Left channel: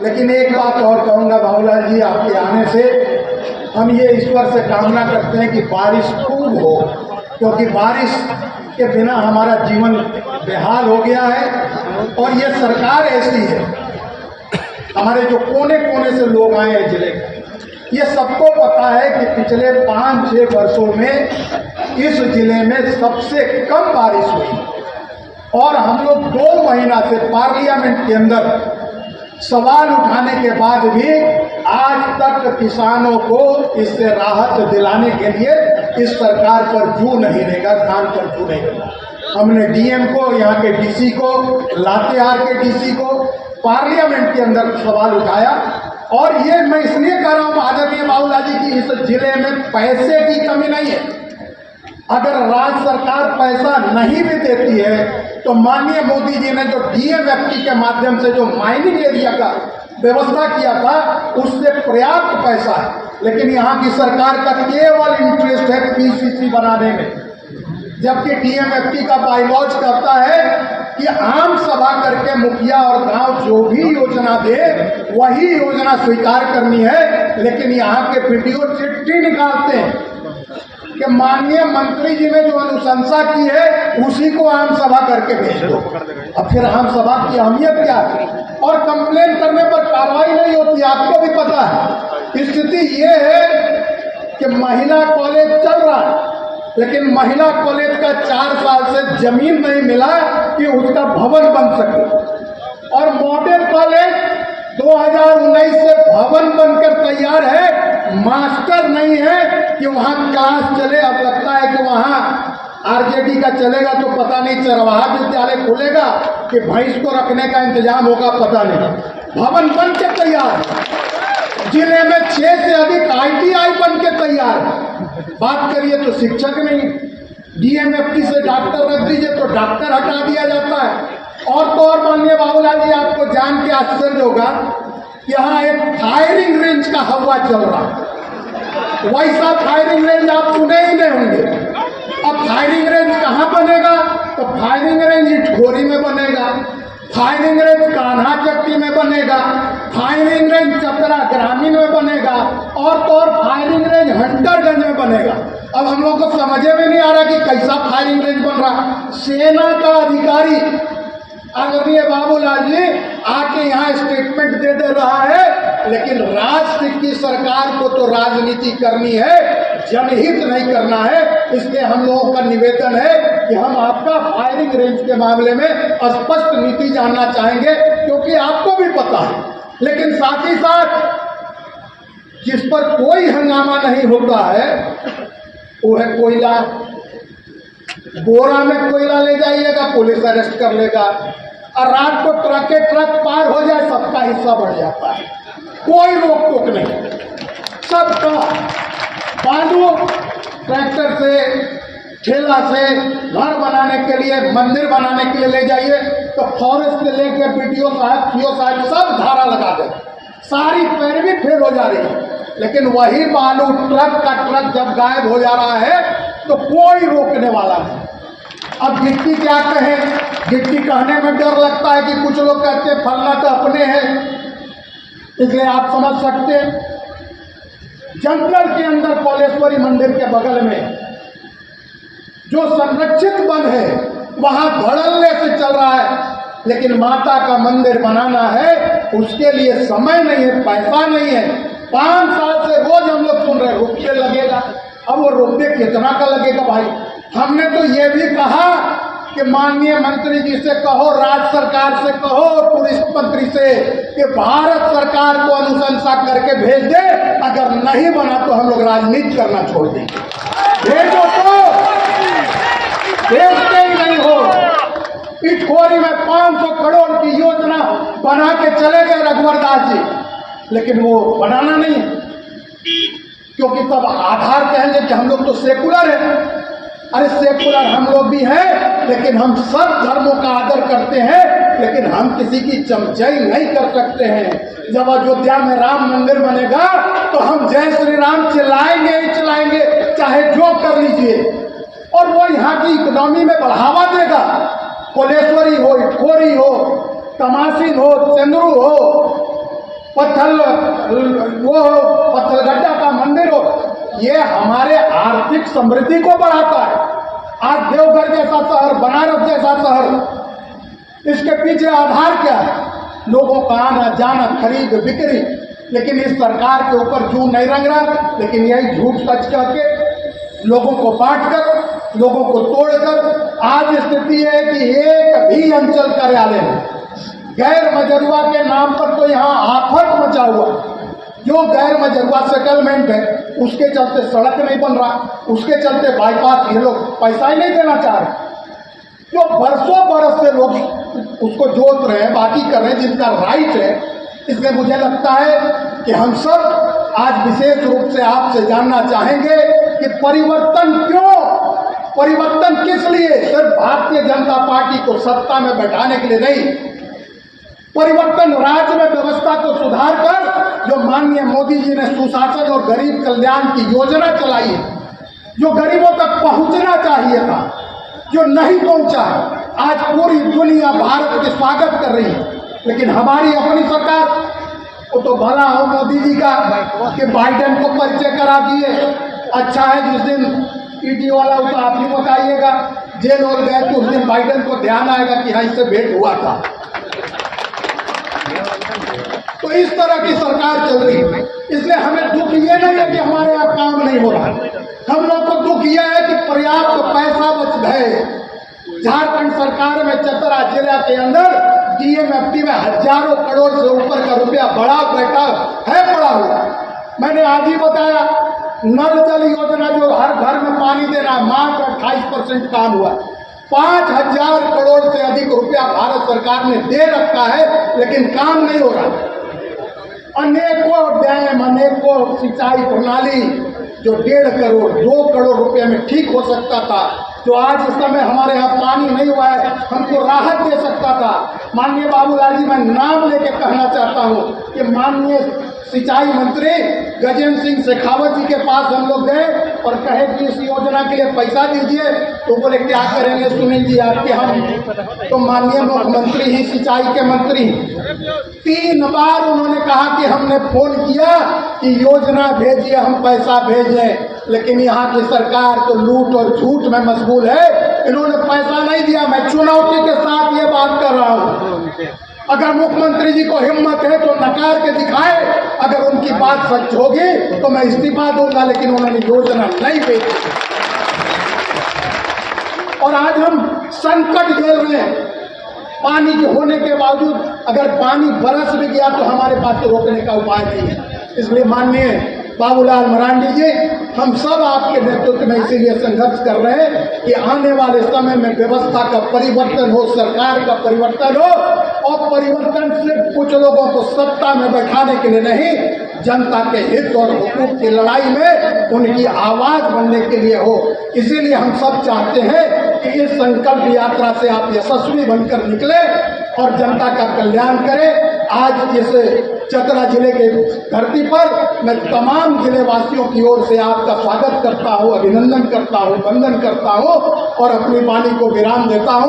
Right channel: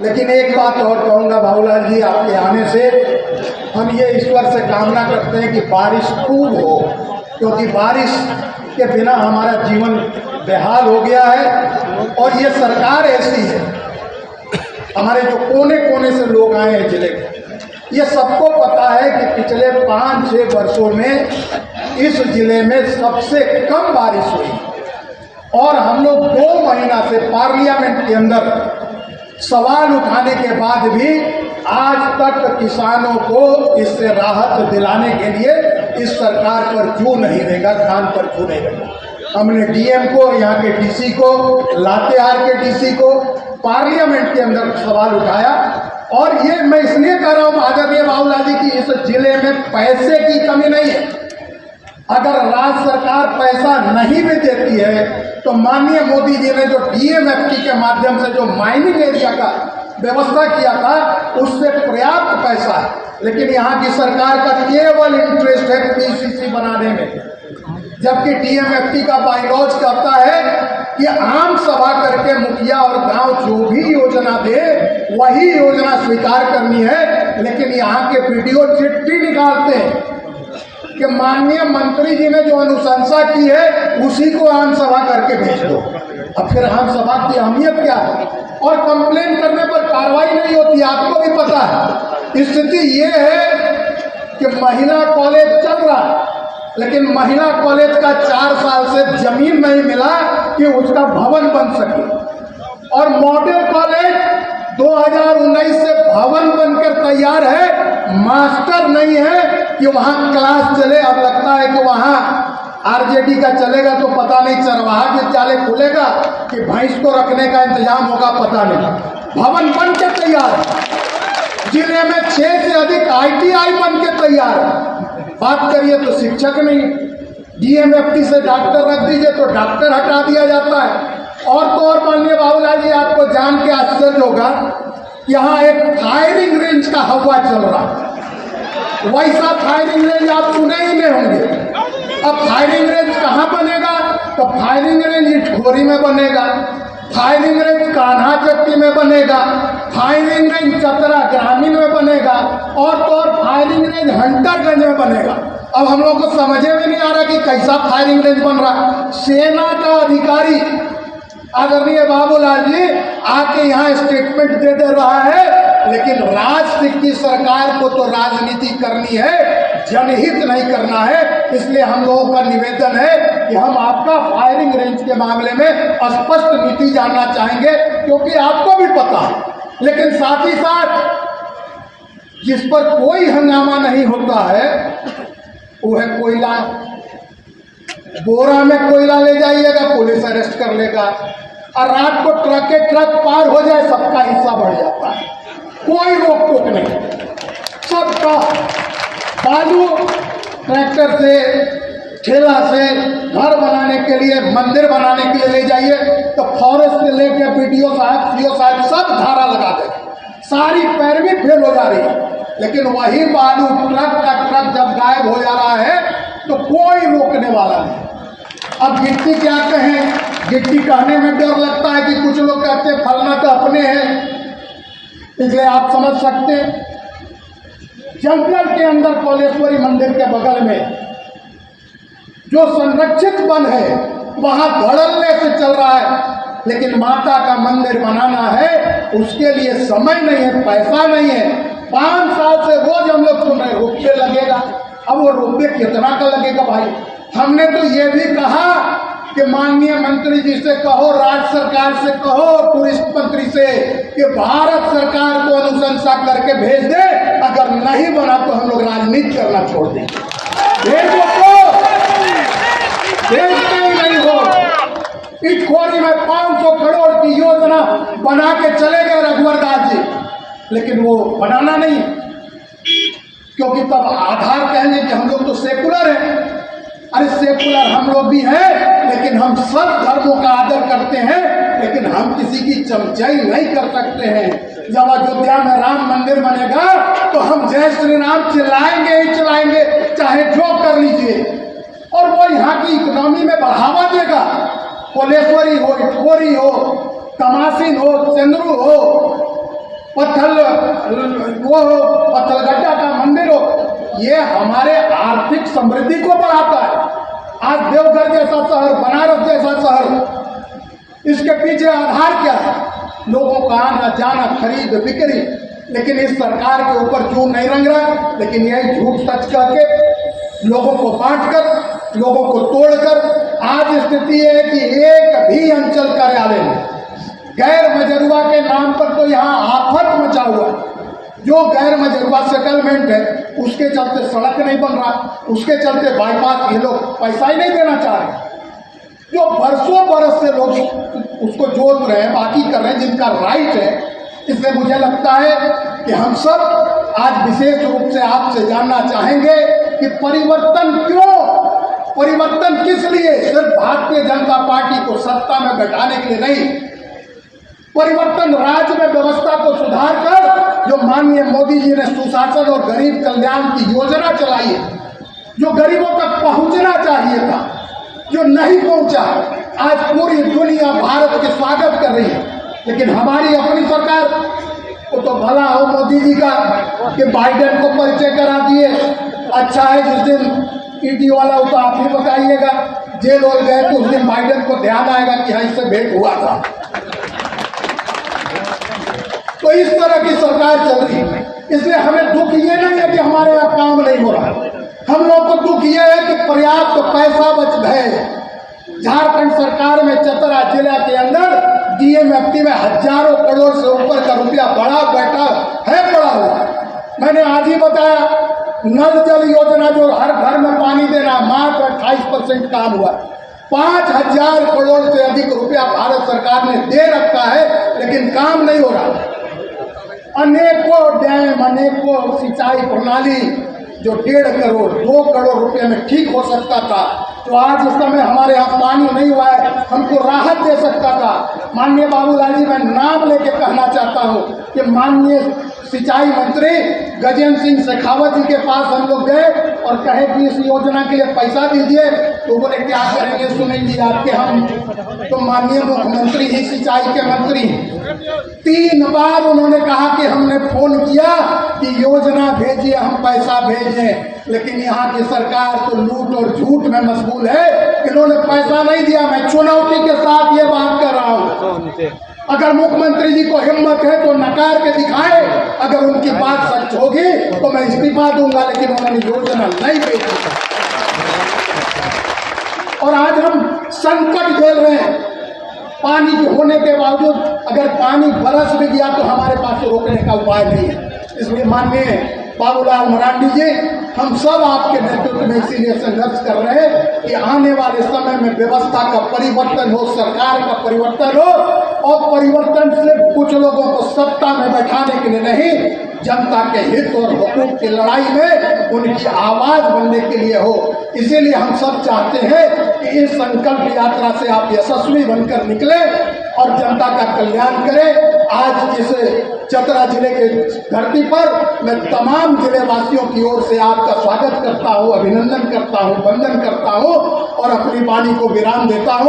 लेकिन एक बात और कहूँगा बाबूलाल जी, आपके आने से हम ये ईश्वर से कामना करते हैं कि बारिश खूब हो, क्योंकि बारिश के बिना हमारा जीवन बेहाल हो गया है। और ये सरकार ऐसी है, हमारे जो कोने कोने से लोग आए हैं जिले के, ये सबको पता है कि पिछले 5-6 वर्षों में इस जिले में सबसे कम बारिश हुई। और हम लोग 2 महीना से पार्लियामेंट के अंदर सवाल उठाने के बाद भी आज तक किसानों को इससे राहत दिलाने के लिए इस सरकार पर जू नहीं रहेगा, खान पर जू नहीं रहेगा। हमने डीएम को, यहाँ के डीसी को, लातेहार के डीसी को पार्लियामेंट के अंदर सवाल उठाया। और ये मैं इसलिए कह रहा हूँ आदरणीय बाबूलाल जी की इस जिले में पैसे की कमी नहीं है। अगर राज्य सरकार पैसा नहीं भी देती है तो माननीय मोदी जी ने जो डीएमएफटी के माध्यम से जो माइनिंग एरिया का व्यवस्था किया था उससे पर्याप्त पैसा है। लेकिन यहाँ की सरकार का केवल इंटरेस्ट है पीसीसी बनाने में, जबकि डीएमएफटी का बायलॉज कहता है कि आम सभा करके मुखिया और गांव जो भी योजना दे वही योजना स्वीकार करनी है। लेकिन यहाँ के वीडियो चिट्ठी निकालते हैं कि माननीय मंत्री जी ने जो अनुशंसा की है उसी को आम सभा करके भेज दो। अब फिर आम सभा की अहमियत क्या है? और कंप्लेन करने पर कार्रवाई नहीं होती, आपको भी पता है। स्थिति ये है कि महिला कॉलेज चल रहा है, लेकिन महिला कॉलेज का 4 साल से जमीन नहीं मिला कि उसका भवन बन सके। और मॉडल कॉलेज 2019 से भवन बनकर तैयार है, मास्टर नहीं है कि वहां क्लास चले। अब लगता है कि वहां आरजेडी का चलेगा तो पता नहीं चरवाहा विद्यालय खुलेगा कि भैंस को रखने का इंतजाम होगा, पता नहीं। भवन बन के तैयार, जिले में 6 से अधिक आईटीआई बन के तैयार। बात करिए तो शिक्षक नहीं, डीएमएफटी से डॉक्टर रख दीजिए तो डॉक्टर हटा दिया जाता है। और तो और माननीय बाबूलाल जी, आपको जान के आश्चर्य होगा, यहाँ एक फायरिंग रेंज का हवा चल रहा है। वैसा फायरिंग रेंज आप सुने ही नहीं होंगे। अब फायरिंग रेंज कहाँ बनेगा? तो फायरिंग रेंज इटखोरी में बनेगा, फायरिंग रेंज कान्हा चट्टी में बनेगा, फायरिंग रेंज चतरा ग्रामीण में बनेगा, और तो और फायरिंग रेंज हंटरगंज में बनेगा। अब हम लोग को समझ में नहीं आ रहा कि कैसा फायरिंग रेंज बन रहा। सेना का अधिकारी आदरणीय बाबूलाल जी आके यहाँ स्टेटमेंट दे रहा है, लेकिन राष्ट्र की सरकार को तो राजनीति करनी है, जनहित नहीं करना है। इसलिए हम लोगों का निवेदन है कि हम आपका फायरिंग रेंज के मामले में स्पष्ट नीति जानना चाहेंगे, क्योंकि आपको भी पता है। लेकिन साथ ही साथ जिस पर कोई हंगामा नहीं होता है वो है कोयला। बोरा में कोयला ले जाइएगा, पुलिस अरेस्ट कर लेगा, और रात को ट्रक के ट्रक पार हो जाए सबका हिस्सा बढ़ जाता है, कोई रोक टोक नहीं। सबका बालू ट्रैक्टर से, ठेला से घर बनाने के लिए, मंदिर बनाने के लिए ले जाइए तो फॉरेस्ट से लेके बीडीओ साहब, सीओ साहब सब धारा लगा दे, सारी पैरवी फेल हो जा रही है। लेकिन वही बालू ट्रक का ट्रक जब गायब हो जा रहा है तो कोई रोकने वाला नहीं। अब गिट्टी क्या कहें, गिट्टी कहने में डर लगता है कि कुछ लोग कहते हैं फलना तो अपने हैं, इसलिए आप समझ सकते हैं। जंगल के अंदर कौलेश्वरी मंदिर के बगल में जो संरक्षित वन है वहां धड़ल्ले से चल रहा है, लेकिन माता का मंदिर बनाना है उसके लिए समय नहीं है, पैसा नहीं है। 5 साल से रोज हम लोग सुन रहे हैं रुपये लगेगा। अब वो रुपये कितना का लगेगा भाई? हमने तो ये भी कहा कि माननीय मंत्री जी से कहो, राज्य सरकार से कहो, टूरिस्ट मंत्री से कि भारत सरकार को अनुशंसा करके भेज दे। अगर नहीं बना तो हम लोग राजनीति करना छोड़ देंगे। भेजो तो भेजते ही नहीं हो। इटखोरी में 500 करोड़ की योजना बना के चले गए रघुवर दास जी, लेकिन वो बनाना नहीं है, क्योंकि तब आधार कहेंगे कि हम लोग तो सेकुलर हैं। अरे सेकुलर हम लोग भी हैं, लेकिन हम सब धर्मों का आदर करते हैं, लेकिन हम किसी की चमचाई नहीं कर सकते हैं। जब अयोध्या में राम मंदिर बनेगा तो हम जय श्री राम चिल्लाएंगे ही चिल्लाएंगे, चाहे जो कर लीजिए। और वो यहाँ की इकोनॉमी में बढ़ावा देगा। कौलेश्वरी हो, इटखोरी हो, तमासिन हो, चंद्रू हो, वो हो, पत्थलगड्ढा का मंदिर हो, ये हमारे आर्थिक समृद्धि को बढ़ाता है। आज देवघर जैसा शहर, बनारस जैसा शहर, इसके पीछे आधार क्या है? लोगों का आना जाना, खरीद बिक्री। लेकिन इस सरकार के ऊपर जूं नहीं रंग रहा, लेकिन यही झूठ सच करके, लोगों को बांटकर, लोगों को तोड़कर आज स्थिति है कि एक भी अंचल कार्यालय में गैर मजरूआ के नाम पर तो यहाँ आफत मचा हुआ। जो गैर मजरूआ सेटलमेंट है उसके चलते सड़क नहीं बन रहा, उसके चलते बाईपास ये लोग पैसा ही नहीं देना चाह रहे। जो बरसों बरस से लोग उसको जोत रहे हैं, बाकी कर रहे हैं, जिनका राइट है। इसलिए मुझे लगता है कि हम सब आज विशेष रूप से आपसे जानना चाहेंगे कि परिवर्तन क्यों, परिवर्तन किस लिए? सिर्फ भारतीय जनता पार्टी को सत्ता में बैठाने के लिए नहीं, परिवर्तन राज्य में व्यवस्था को सुधार कर, जो माननीय मोदी जी ने सुशासन और गरीब कल्याण की योजना चलाई है, जो गरीबों तक पहुंचना चाहिए था, जो नहीं पहुंचा। आज पूरी दुनिया भारत के स्वागत कर रही है, लेकिन हमारी अपनी सरकार, वो तो भला हो मोदी जी का कि बाइडेन को परिचय करा दिए। अच्छा है, जिस दिन ईडी वाला हो तो आप ही बताइएगा, जेल और गए तो उस दिन बाइडेन को ध्यान आएगा कि हाँ इससे भेंट हुआ था। तो इस तरह की सरकार चल रही है। इसलिए हमें दुख ये नहीं है कि हमारे यहाँ काम नहीं हो रहा, हम लोग को दुख ये है कि पर्याप्त पैसा बच गए। झारखंड सरकार में चतरा जिला के अंदर डीएमएफटी में हजारों करोड़ से ऊपर का रुपया पड़ा हुआ। मैंने आज ही बताया, नल जल योजना जो हर घर में पानी देना, मात्र 28% काम हुआ। 5000 करोड़ से अधिक रुपया भारत सरकार ने दे रखा है, लेकिन काम नहीं हो रहा। अनेकों डैम, अनेकों सिंचाई प्रणाली जो 1.5 करोड़ 2 करोड़ रुपए में ठीक हो सकता था, जो आज इस समय हमारे यहाँ पानी नहीं हुआ है, हमको राहत दे सकता था। माननीय बाबूलाल जी, मैं नाम लेके कहना चाहता हूँ कि माननीय सिंचाई मंत्री गजेंद्र सिंह शेखावत जी के पास हम लोग गए और कहे कि इस योजना के लिए पैसा दीजिए, तो बोले क्या करेंगे सुनील जी आपके, हम तो माननीय मुख्यमंत्री ही सिंचाई के मंत्री। 3 बार उन्होंने कहा कि हमने फोन किया कि योजना भेजिए, हम पैसा भेजें, लेकिन यहाँ की सरकार तो लूट और झूठ में मशगूल है। इन्होंने पैसा नहीं दिया। मैं चुनौती के साथ ये बात कर रहा हूँ, अगर मुख्यमंत्री जी को हिम्मत है तो नकार के दिखाए, अगर उनकी बात सच होगी तो मैं इस्तीफा दूंगा, लेकिन उन्होंने योजना नहीं भेजी। और आज हम संकट झेल रहे हैं, पानी होने के बावजूद अगर पानी बरस भी गया तो हमारे पास रोकने का उपाय नहीं है। इसलिए माननीय बाबूलाल मरांडी जी, हम सब आपके नेतृत्व में इसीलिए संघर्ष कर रहे हैं कि आने वाले समय में व्यवस्था का परिवर्तन हो, सरकार का परिवर्तन हो, और परिवर्तन सिर्फ कुछ लोगों को सत्ता में बैठाने के लिए नहीं, जनता के हित और हुकूक की लड़ाई में उनकी आवाज बनने के लिए हो। इसीलिए हम सब चाहते हैं कि इस संकल्प यात्रा से आप यशस्वी बनकर निकले और जनता का कल्याण करें। आज इस चतरा जिले के धरती पर मैं तमाम जिले वासियों की ओर से आपका स्वागत करता हूं, अभिनंदन करता हूं, वंदन करता हूं और अपनी वाणी को विराम देता हूं।